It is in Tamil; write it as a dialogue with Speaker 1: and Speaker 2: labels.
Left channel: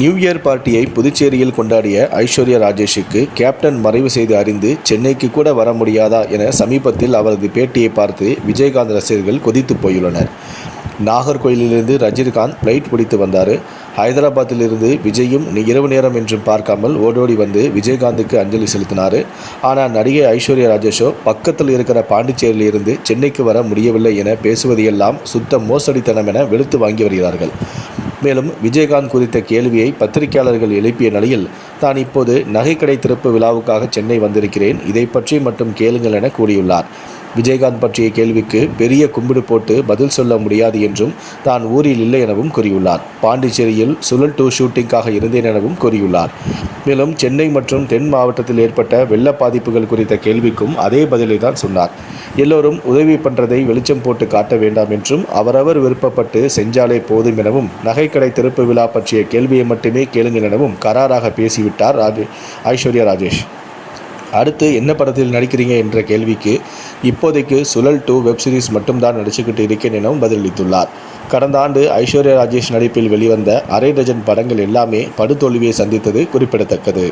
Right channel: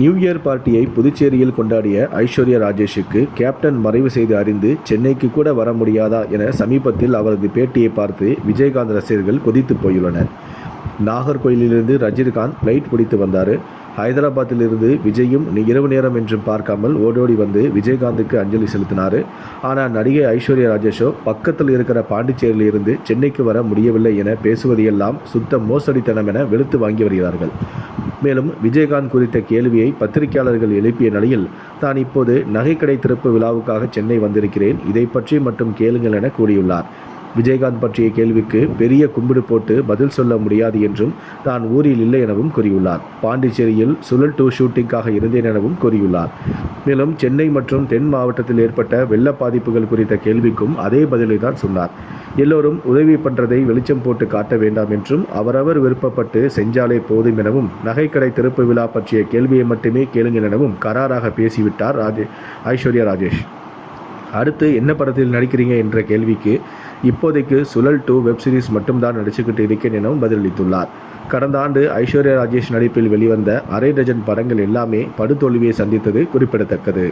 Speaker 1: நியூ இயர் பார்ட்டியை புதுச்சேரியில் கொண்டாடிய ஐஸ்வர்யா ராஜேஷுக்கு கேப்டன் மறைவு செய்து அறிந்து சென்னைக்கு கூட வர முடியாதா என சமீபத்தில் அவரது பேட்டியை பார்த்து விஜயகாந்த் ரசிகர்கள் கொதித்து போயுள்ளனர். நாகர்கோயிலிருந்து ரஜினிகாந்த் ஃப்ளைட் பிடித்து வந்தார். ஹைதராபாத்திலிருந்து விஜயும் இரவு நேரம் என்றும் பார்க்காமல் ஓடோடி வந்து விஜயகாந்துக்கு அஞ்சலி செலுத்தினார். ஆனால் நடிகை ஐஸ்வர்யா ராஜேஷோ பக்கத்தில் இருக்கிற பாண்டிச்சேரியிலிருந்து சென்னைக்கு வர முடியவில்லை என பேசுவதையெல்லாம் சுத்த மோசடித்தனம் என வெளுத்து வாங்கி வருகிறார்கள். மேலும் விஜயகாந்த் குறித்த கேள்வியை பத்திரிகையாளர்கள் எழுப்பிய நிலையில் தான் இப்போது நகைக்கடை திறப்பு விழாவுக்காக சென்னை வந்திருக்கிறேன் இதை பற்றி மட்டும் கேளுங்கள் என கூறியுள்ளார். விஜயகாந்த் பற்றிய கேள்விக்கு பெரிய கும்பிடு போட்டு பதில் சொல்ல முடியாது என்றும் தான் ஊரில் இல்லை எனவும் கூறியுள்ளார். பாண்டிச்சேரியில் சுழல் டூ ஷூட்டிங்காக இருந்தேன் எனவும் கூறியுள்ளார். மேலும் சென்னை மற்றும் தென் மாவட்டத்தில் ஏற்பட்ட வெள்ள பாதிப்புகள் குறித்த கேள்விக்கும் அதே பதிலை தான் சொன்னார். எல்லோரும் உதவி பண்ணுறதை வெளிச்சம் போட்டு காட்ட வேண்டாம் என்றும் அவரவர் விருப்பப்பட்டு செஞ்சாலே போதும் எனவும் நகைக்கடை திறப்பு விழா பற்றிய கேள்வியை மட்டுமே கேளுங்கள் எனவும் கராராக பேசிவிட்டார் ராஜே ஐஸ்வர்யா ராஜேஷ். அடுத்து என்ன படத்தில் நடிக்கிறீங்க என்ற கேள்விக்கு இப்போதைக்கு சுழல் டூ வெப் சீரிஸ் மட்டும்தான் நடிச்சுக்கிட்டு இருக்கேன் எனவும் பதிலளித்துள்ளார். கடந்த ஆண்டு ஐஸ்வர்யா ராஜேஷ் நடிப்பில் வெளிவந்த அரை டஜன் படங்கள் எல்லாமே படுதோல்வியை சந்தித்தது குறிப்பிடத்தக்கது.